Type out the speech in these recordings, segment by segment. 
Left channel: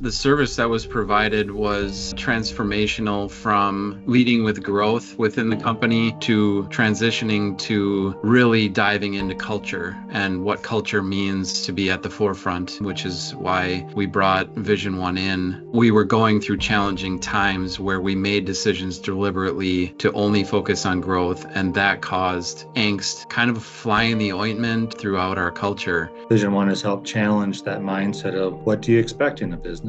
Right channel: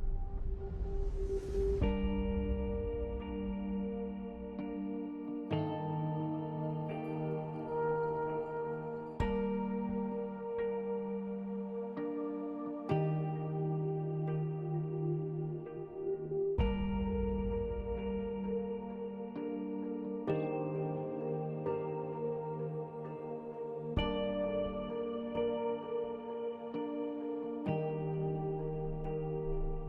The service that was provided was transformational, from leading with growth within the company to transitioning to really diving into culture and what culture means to be at the forefront, which is why we brought VisionOne in. We were going through challenging times where we made decisions deliberately to only focus on growth, and that caused angst, kind of a fly in the ointment throughout our culture. VisionOne has helped challenge that mindset of what do you expect in a business?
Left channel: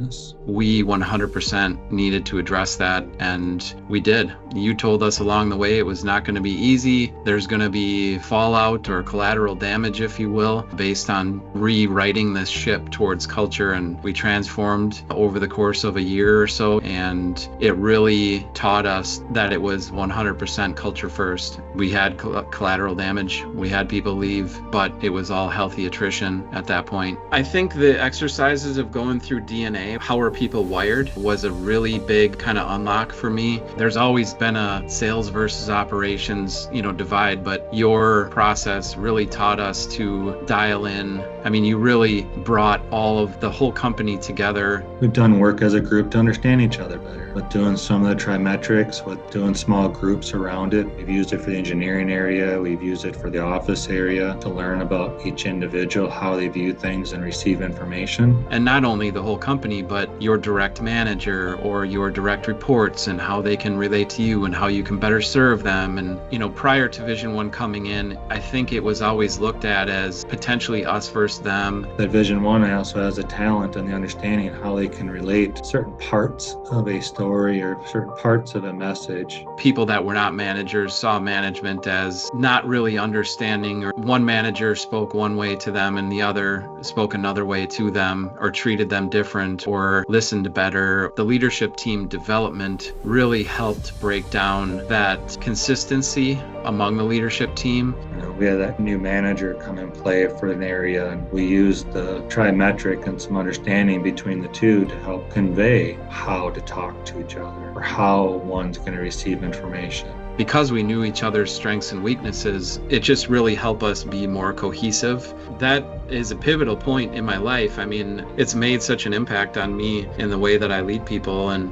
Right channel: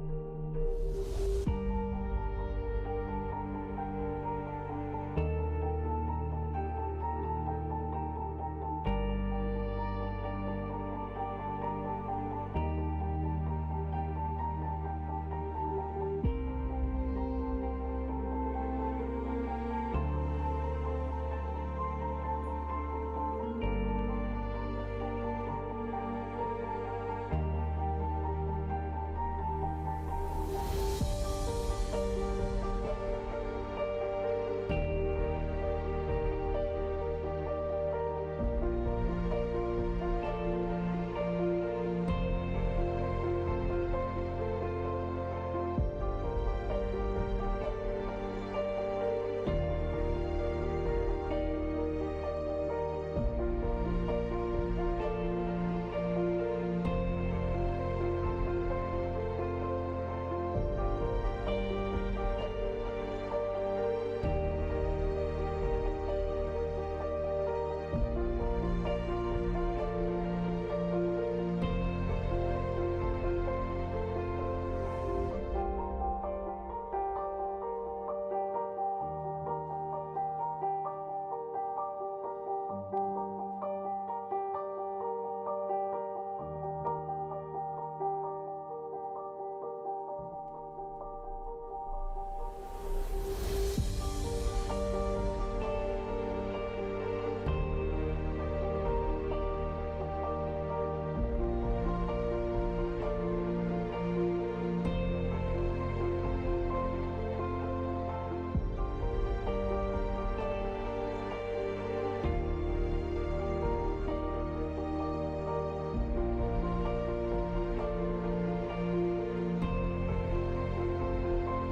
We 100% needed to address that, and we did. You told us along the way it was not going to be easy. There's going to be fallout or collateral damage, if you will, based on rewriting this ship towards culture. And we transformed over the course of a year or so, and it really taught us that it was 100% culture first. We had collateral damage. We had people leave, but it was all healthy attrition at that point. I think the exercises of going through DNA, how are people wired, was a really big kind of unlock for me. There's always been a sales versus operations, divide, but your process really taught us to dial in. I mean, you really brought all of the whole company together. We've done work as a group to understand each other better. With doing some of the trimetrics, with doing small groups around it. We've used it for the engineering area. We've used it for the office area to learn about each individual, how they view things and receive information. And not only the whole company, but your direct manager or your direct reports and how they can relate to you and how you can better serve them. And, prior to VisionOne coming in, I think it was always looked at as potentially us versus them. That VisionOne also has a talent and the understanding of how they can relate to certain parts of a story or certain parts of a message. People that were not managers saw management as not really understanding, or one manager spoke one way to them and the other spoke another way to them, or treated them different or listened better. The leadership team development really helped break down that consistency among the leadership team. We had that new manager come and play for an area, and we used the trimetric and some understanding between the two to help convey how to talk to each other or how one's going to receive information. Because we knew each other's strengths and weaknesses, it just really helped us be more cohesive. That is a pivotal point in my life. I mean, it's made such an impact on me in the way that I lead people, and,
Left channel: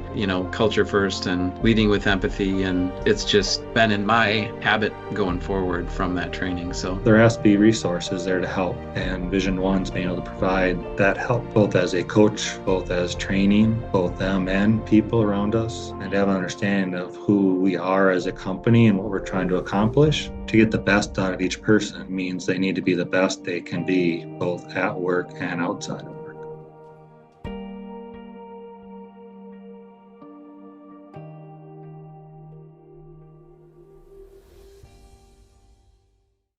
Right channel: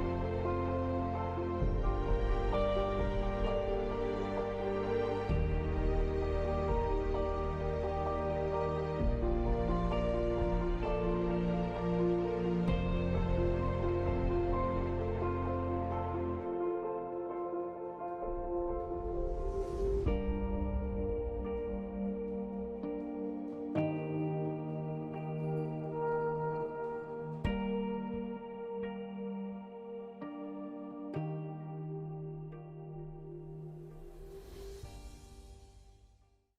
culture first and leading with empathy. And it's just been in my habit going forward from that training. So there has to be resources there to help, and VisionOne's being able to provide that help, both as a coach, both as training, both them and people around us, and have an understanding of who we are as a company and what we're trying to accomplish. To get the best out of each person means they need to be the best they can be, both at work and outside.